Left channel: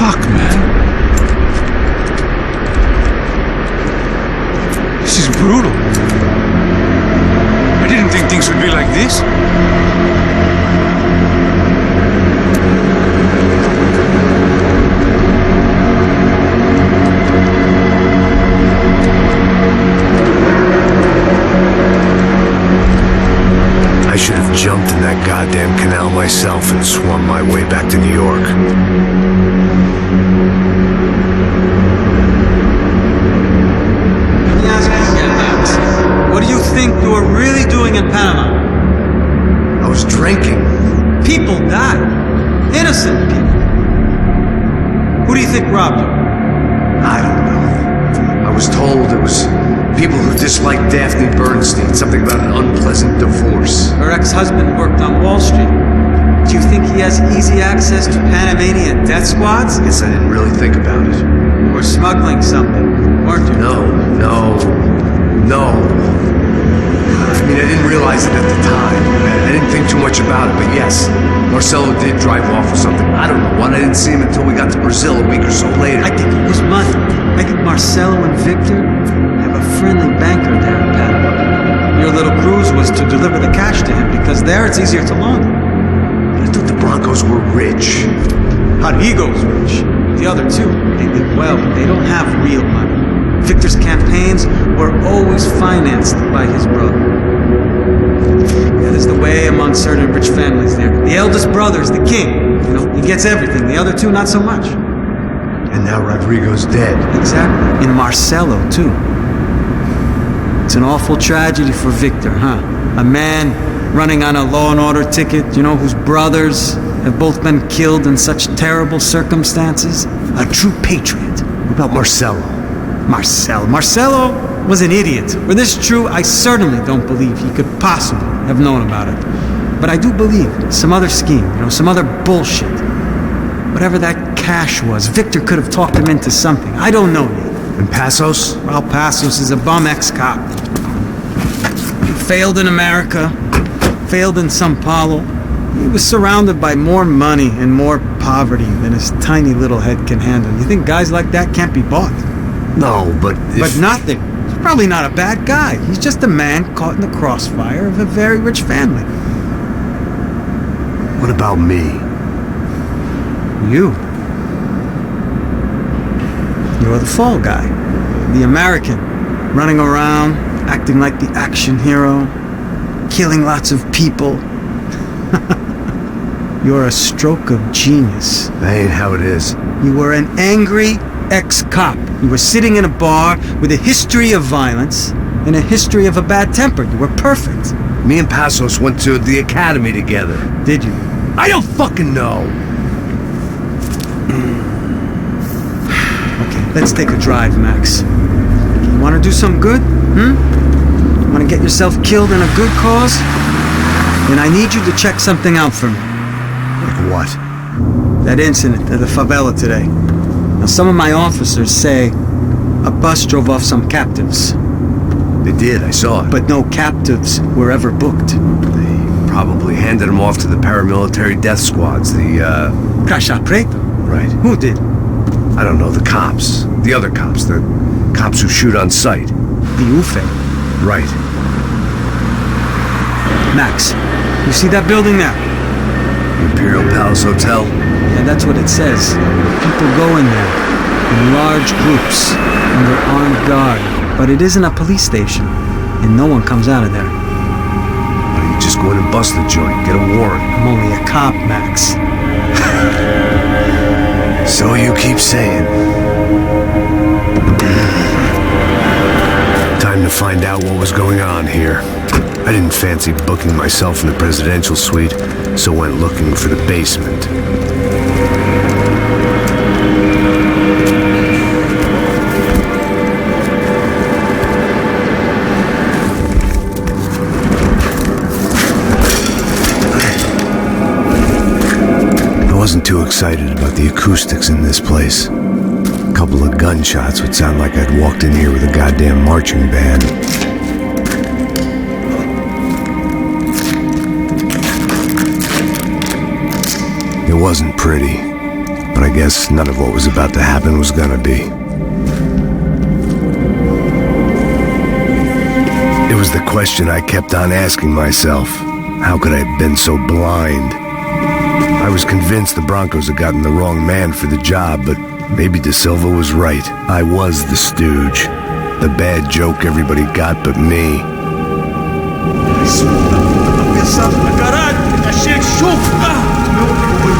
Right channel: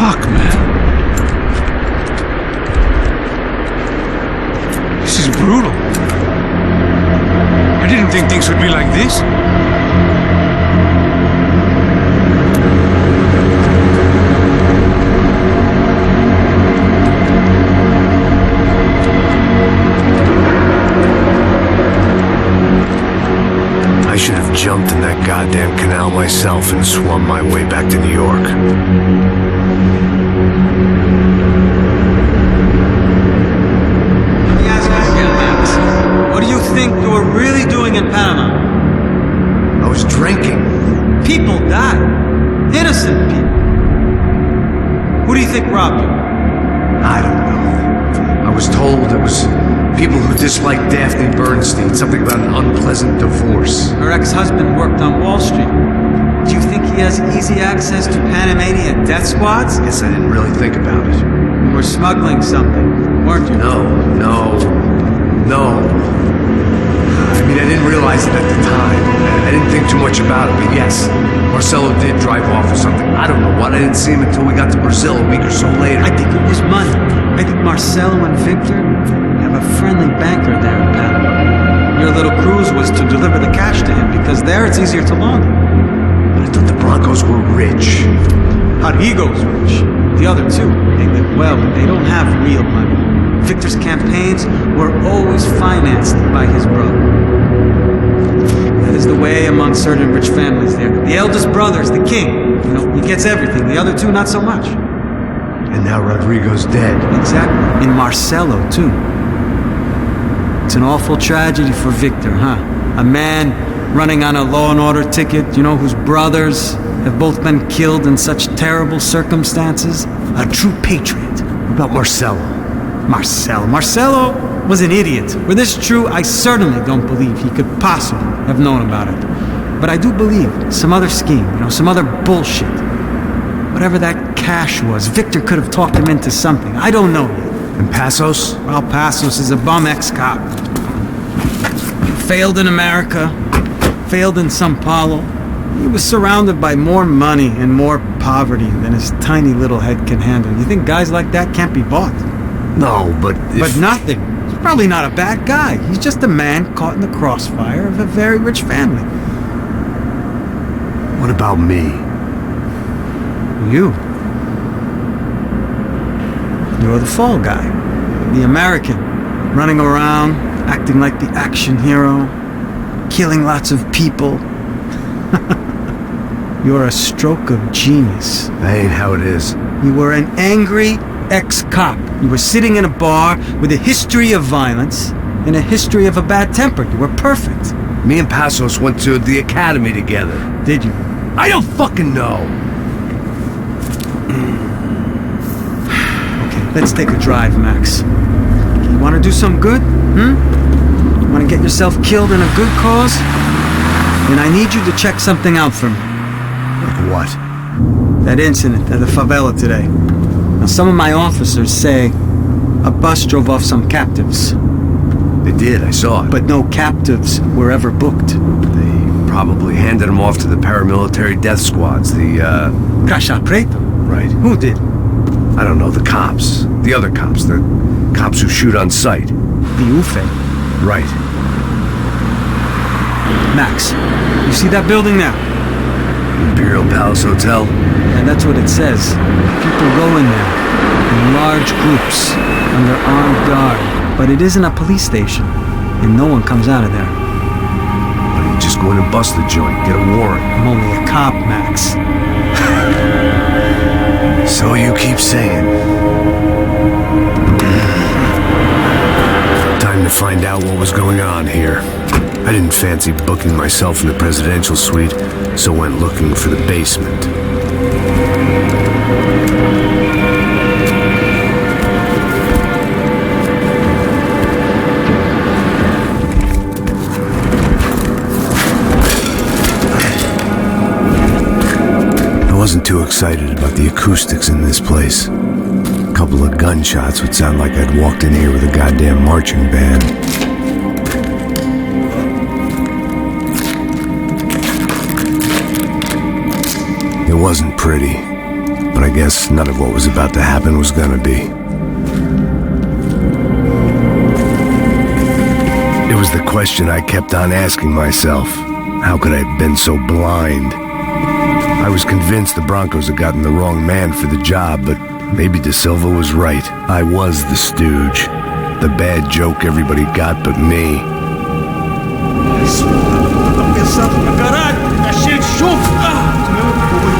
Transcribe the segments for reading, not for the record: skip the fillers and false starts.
Fuck, man. This is brutal. I didn't think things would be like this. I should have jumped in that goddamn canal myself and swum my way back to New York. Let me ask you again, Max. What do you think you were really doing in Panama? I was drinking. People died. Innocent people. Who do you think robbed you? I don't know. I was told it was people who disliked Daphne Bernstein, something about an unpleasant divorce. Her ex-husband worked on Wall Street. Do you think he has easy access to Panamanian death squads? Guess I didn't really think about it. You were smuggling something, weren't you? No. I mean, I didn't realize it at the time. I didn't think too much about it, but yes, Marcelo did drive off with something. I don't know what. I didn't see him until we got to Brazil a week or so later. I think it was money. I think Marcelo and Victor have a friendly banker there in Panama. Your little cruise was to deliver the cash to him because there it's easier to launder. But I thought the Broncos were rich. Rodrigo's rich. The other two, they live well, but they don't have real money. Victor's campaigns were always financed by his brother. That is the way among certain rich families there. The eldest brother's the king. You know, he gets everything. The other two, not so much. And now Rodrigo's dead. Exactly. And Marcelo, too. It's an awful tragedy for Victor, huh? A man running on a law and order ticket, you know, whose brothers have both been killed in such terrible circumstances. A true patriot. What about Marcelo? Marcelo was an idiot. Were this true, I certainly don't believe he could possibly have known about it. But I do believe some other scheme, you know, some other bullshit. Whatever that cash was, Victor could have talked him into something. I don't know yet. And Passos? Well, Passos is a bum ex-cop. He failed in America, failed in Sao Paulo. He was surrounded by more money and more poverty than his tiny little head can handle. You think guys like that can't be bought? No, but But nothing. He's probably not a bad guy. He's just a man caught in the crossfire of a very rich family. What about me? You. You're the fall guy. You're the American. Running around, acting like the action hero. Killing lots of people. You're a stroke of genius. That ain't how it is. You were an angry ex-cop. You were sitting in a bar with a history of violence and a history of a bad temper. You were perfect. Me and Passos went to the academy together. Did you? I don't fucking know. Okay, let's take a drive, Max. You want to do some good? You want to get yourself killed in a good cause? Then I need you to check something out for me. Like what? That incident at the favela today. Now, some of my officers say a bus drove off some captives. They did, I saw it. But no captives were ever booked. They probably handed them off to the paramilitary death squads, the, Caixa Preto? Right. Who did? I don't know, the cops. The other cops. The cops who shoot on sight. The UFE. Right. Max, you see that building there? The Imperial Palace Hotel? Yeah, that's what it says. People go in there, in large groups, under armed guard. But it isn't a police station, and no one comes out of there. Why don't you just go in and bust the joint, get a warrant? I'm only a cop, Max. So you keep saying. Time to find out what was going on here. I didn't fancy booking myself in the presidential suite, so went looking for the basement. I wasn't too excited about the acoustics in this place. A couple of gunshots would sound like I'd walked in here with a goddamn marching band. It wasn't pretty. but I guess none of what was about to happen was gonna be. It was the question I kept on asking myself. How could I have been so blind? I was convinced the Broncos had gotten the wrong man for the job, but maybe De Silva was right. I was the stooge. The bad joke everybody got but me. Isso tá pesado pra caralho. Tá cheio de chumbo. Meu boi.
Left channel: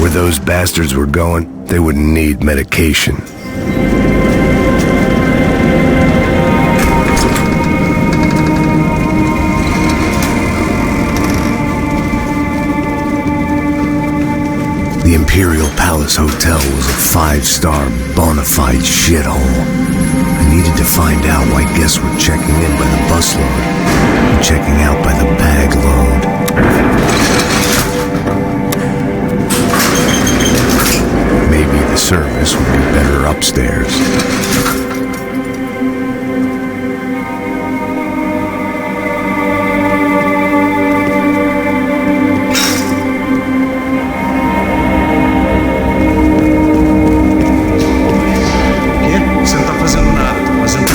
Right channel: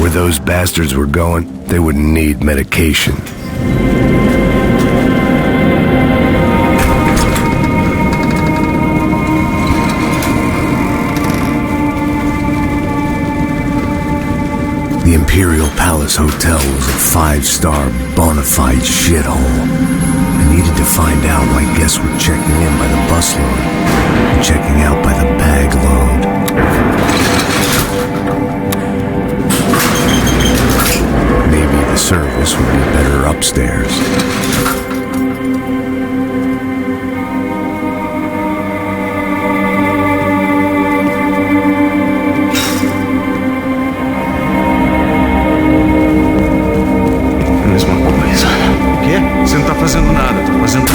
Where those bastards were going, they wouldn't need medication. The Imperial Palace Hotel was a 5-star, bona fide shithole. I needed to find out why guests were checking in by the busload and checking out by the bag load. Maybe the service would be better upstairs. Mesma coisa. O quê? Você não tá fazendo nada, tô fazendo.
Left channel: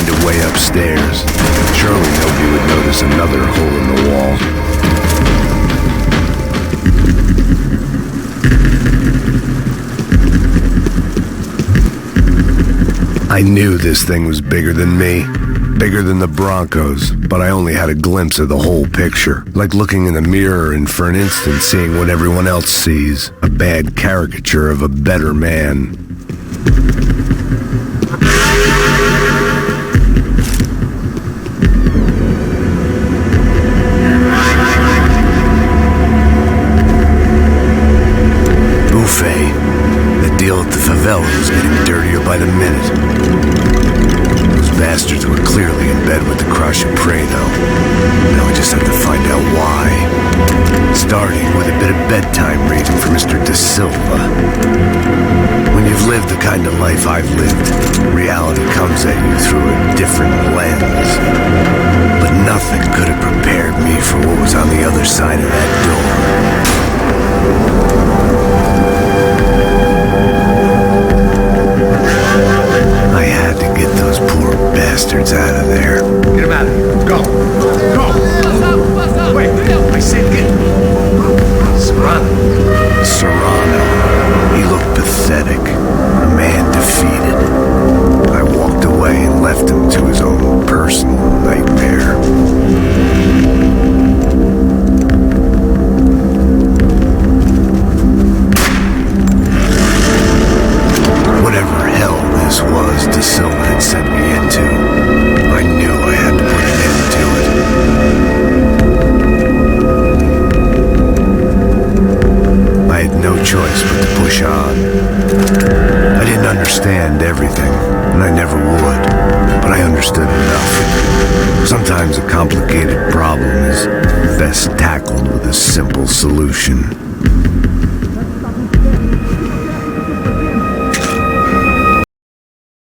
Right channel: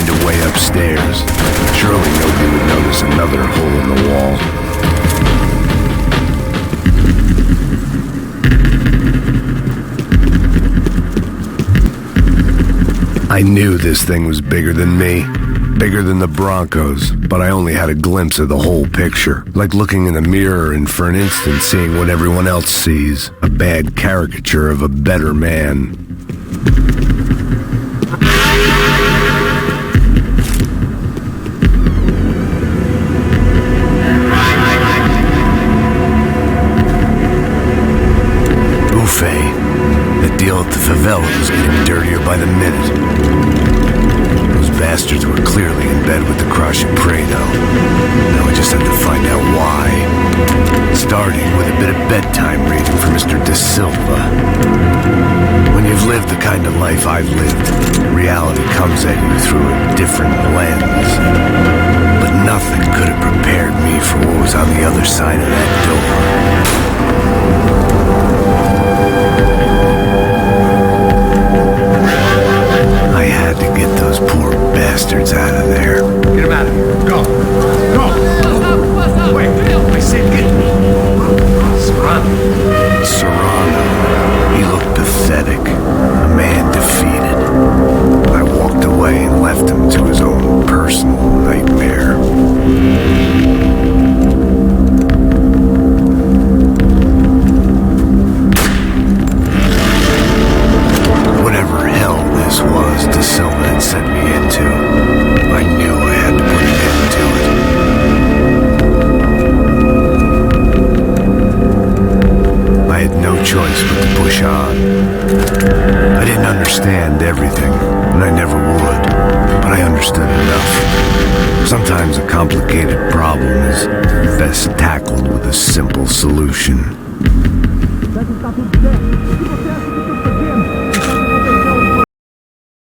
find a way upstairs. Surely nobody would notice another hole in the wall. I knew this thing was bigger than me, bigger than the Broncos, but I only had a glimpse of the whole picture, like looking in a mirror and for an instant seeing what everyone else sees, a bad caricature of a better man. Buffet. That deal at the favela was getting dirtier by the minute. Those bastards were clearly in bed with the Crusher Prado. Now I just had to find out why. Starting with a bit of bedtime reading for Mr. Da Silva. When you've lived the kind of life I've lived, reality comes at you through a different lens. But nothing could have prepared me for what was on the other side of that door. I had to get those poor bastards out of there. Get him out of here. Go. Go. Oh. Wait. I said get... Serrano. He looked pathetic. A man defeated. I walked away and left him to his own personal nightmare. Whatever hell this was Da Silva had sent me into, I knew I had to put an end to it. I had no choice but to push on. I didn't understand everything, and I never would, but I understood enough. Sometimes a complicated problem is best tackled with a simple solution.